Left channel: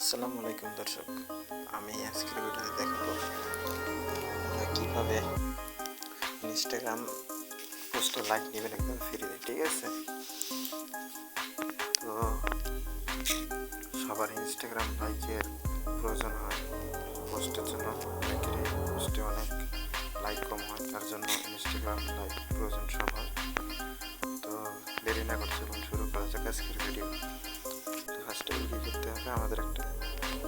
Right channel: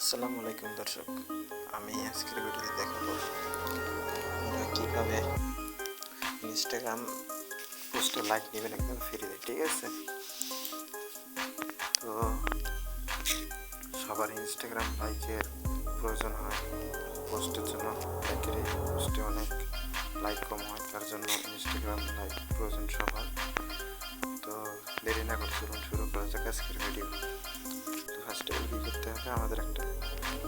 আসসালামু আলাইকুম দর্শক, আমি আজকের ভিডিওতে দেখাবো আপনারা কীভাবে ইনস্টাগ্রাম পোস্টে লাইক নেবেন একদম ফ্রিতে। ঠিক আছে, তো সবার ইনস্টাগ্রাম লাইকের প্রয়োজন হয় পোস্টের জন্য। অনেকের এই পোস্টে অনেক লাইক কম হয়, তার জন্য ইনস্টাগ্রাম লাইক প্রয়োজন সবার। তো দেরি না করে চলুন শুরু করা যাক আজকের ভিডিও। তো ফার্স্ট অফ অল কী করতে হবে, আমাদের একটা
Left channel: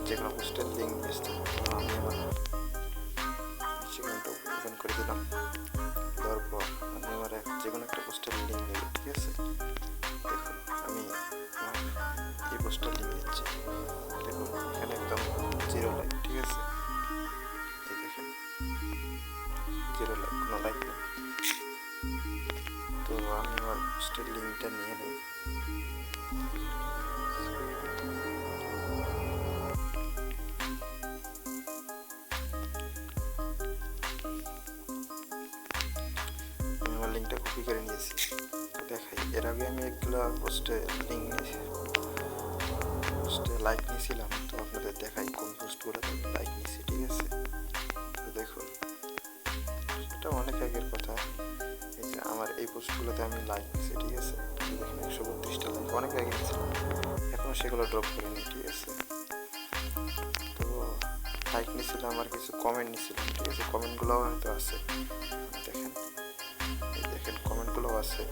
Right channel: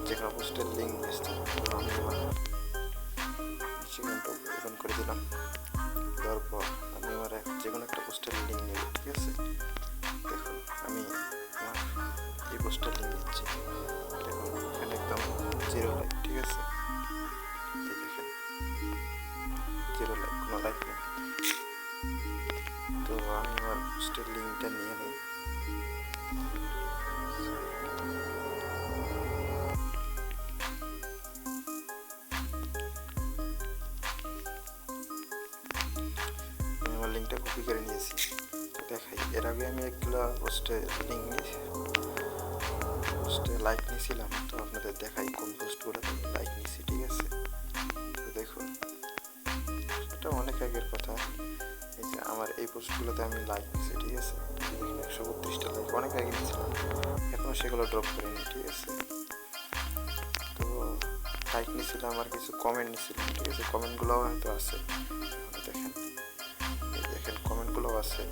যে কোনো পোস্টের লিঙ্ক নিয়ে আসতে হবে। তো আমি আমার ইনস্টাগ্রামটা ওপেন করে দিলাম, দেওয়ার পর আমি আমার যে কোনো একটা পোস্টের লিঙ্ক নেব। ঠিক আছে, দেখুন আমি আমার এই পোস্টের লিঙ্ক নিচ্ছি। দেখুন এখানে একদম 0 লাইক। ঠিক আছে, এই দেখেন 0 লাইক, কোনো লাইক নেই। তো আমি আমার পোস্টের লিঙ্কটা নিয়ে নিই। আমার লিঙ্কটা কপি করে নিয়েছি। তো দেখাই, এর আগে আমি একগুলো পোস্টে লাইক নিয়েছিলাম। তো আপনাদের দেখাই কোন পোস্টগুলোতে আমি লাইক নিয়েছি। ঠিক আছে, তো দেখুন এটা অনেক আগের কথা। এই যে আমার এই পোস্টগুলোতে আমি লাইক নিয়েছি। ঠিক আছে, এই দেখেন 132টা লাইক, অনেক আগে নিয়েছিলাম, এখনও সেগুলো ড্রপ করিনি। ঠিক আছে, তো লাইক নিয়েছিলাম আর কিছু কমেন্ট নিয়েছিলাম। ঠিক আছে, কমেন্টগুলোও হয়তো আছে, দেখেন এই দেখেন কমেন্টগুলোও আছে,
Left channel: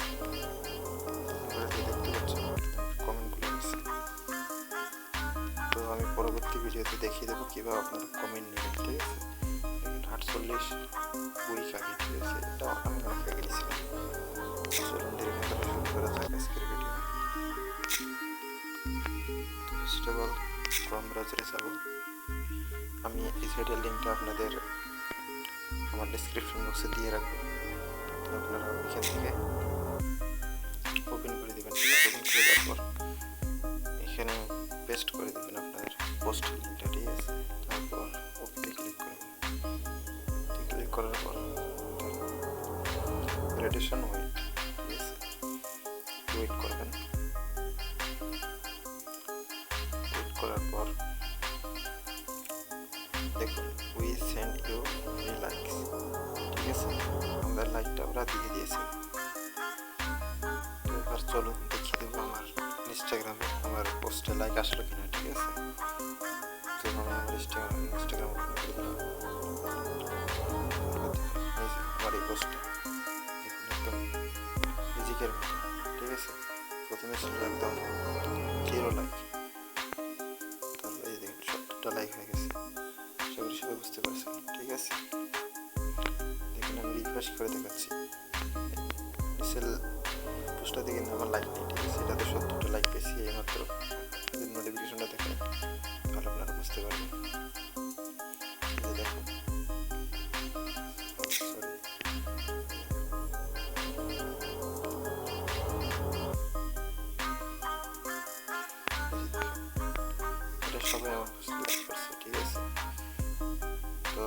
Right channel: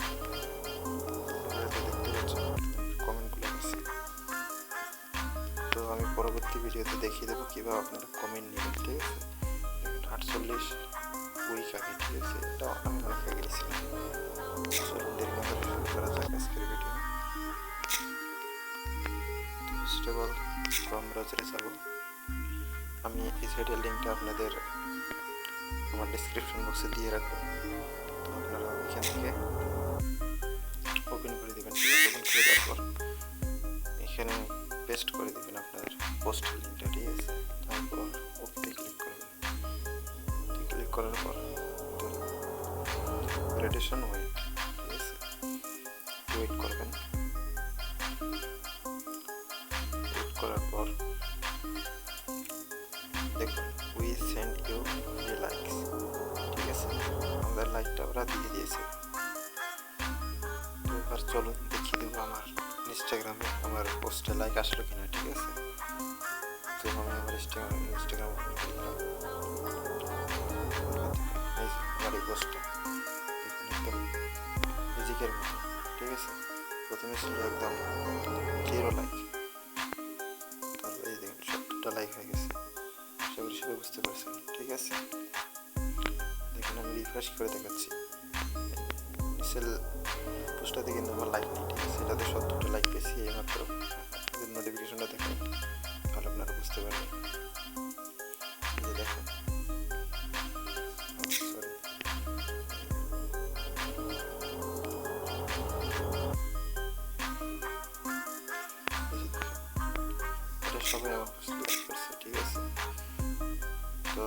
হয়তো দেখতে পাচ্ছেন কমেন্টগুলো আছে। তো আমি পরবর্তী ভিডিওতে দেখিয়ে দেবো কীভাবে আপনারা কমেন্ট নেবেন। ঠিক আছে, দেখেন 48 উইক আগে। ঠিক আছে, এটা আমি অনেক আগে নিয়েছিলাম। চলুন দেরি না করে শুরু করা যাক আজকের ভিডিও। তো ফার্স্ট অফ অল ক্রোম ব্রাউজারে যাব। আমি এই সাইটের লিঙ্কটা আপনাদের আমার ডিসক্রিপশন বক্সে দিয়ে রাখবো। তো আপনারা ওইখান থেকে ওপেন করে দেবেন। ঠিক আছে, ওপেন করে দেওয়ার পর এখানে পেস্ট করে দেবেন আপনাদের পোস্ট লিঙ্কটা। ঠিক আছে, তারপর ওকে ক্লিক করবেন। ক্লিক করার পর ভ্যালিডেশন ওয়েট। ঠিক আছে, ওয়েট করবেন। ওয়েট করার পর দেখুন we send you free likes. ঠিক আছে, আমাদের লাইকটা ওরা দিয়ে দিয়েছে। তো এবার চলুন দেখিয়ে দেবো আমার ইনস্টাগ্রামে আমার পোস্টে লাইক আসলো কিনা। ঠিক আছে, তো আমি আমার ইনস্টাগ্রাম ওপেন করে দিলাম। এই যে আমার এই পোস্টটা দেখুন একদম মিউজিকের মতো। ঠিক আছে, প্রথমে ছিল একদম 0 লাইক, তারপর এই দেখুন 70টা লাইক হয়ে গেছে। সবাই বুঝতে পারছেন। ঠিক আছে, দেখুন আমি রিফ্রেশ করে দেখাচ্ছি, নিচের পোস্টটাতে কিন্তু আমার লাইক নেই। ঠিক আছে, এটাতে 70টা লাইক পেয়েছি এইমাত্র। যদি নোটিফিকেশনটা দেখাই তাহলে আপনারা বুঝতে পারবেন। এই যে দেখুন, সরি, এটা সবাই আমার পোস্ট লাইক করছে। ঠিক আছে, তো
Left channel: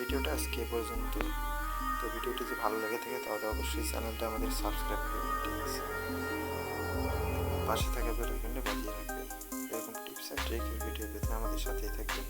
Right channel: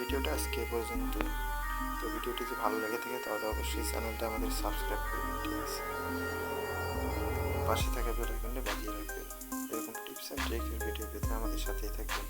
ভিডিওটা আজকে পর্যন্ত। তো ভিডিওটি যদি ভালো লেগে থাকে তাহলে অবশ্যই চ্যানেলটা আমাদের সাবস্ক্রাইব করবেন। ঠিক আছে, পাশে থাকা বেল আইকনটা বাজিয়ে রাখবেন। এরকম টিপস অ্যান্ড ট্রিকের ভিডিও পেতে আমাদের সাথেই থাকবেন।